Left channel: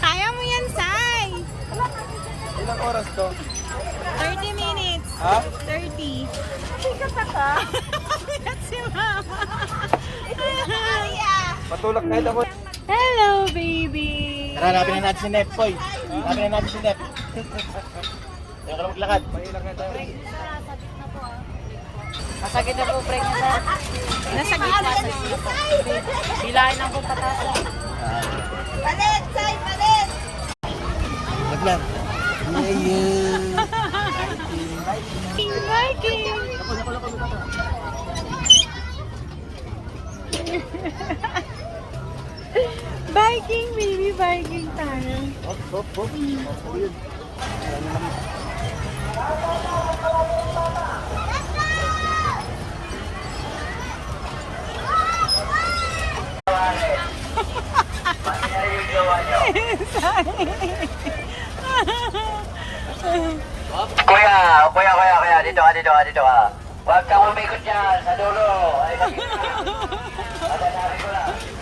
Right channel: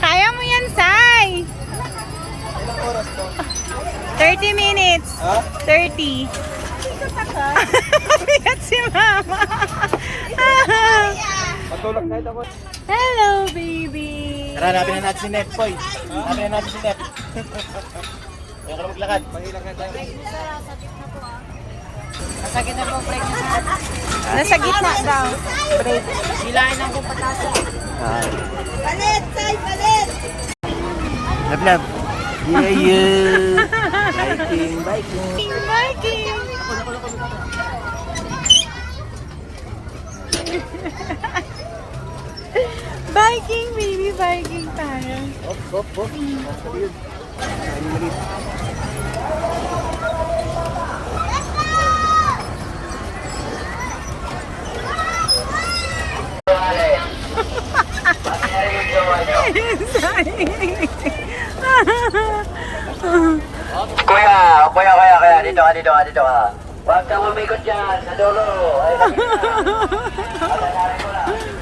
Kaya mo yan, Sai. Ilang oras to? 30 minutes. Ha? 30. Bigat si Mama. Patulog kahit ako. Hello, baby. Tara, hanapin na natin si Nep, boy. Hanapin na natin si Nep. Kaya ka na maglakad. Mahila ka tayo. Masakit na po break na sa Nasa gitna daw. break. Bilahin lang po patasan. Palit, say, palit! Lab, lab. Yeah, yeah. Biking, biking. Biking. Biking, baby. Biking tayo. Hop, hop, hop. Sabi yun. Maraming maliit. Kuya, dito ka. Huwag kang umikot dyan, sa dulo. Ay, kanina. Pagkakarin ko lang.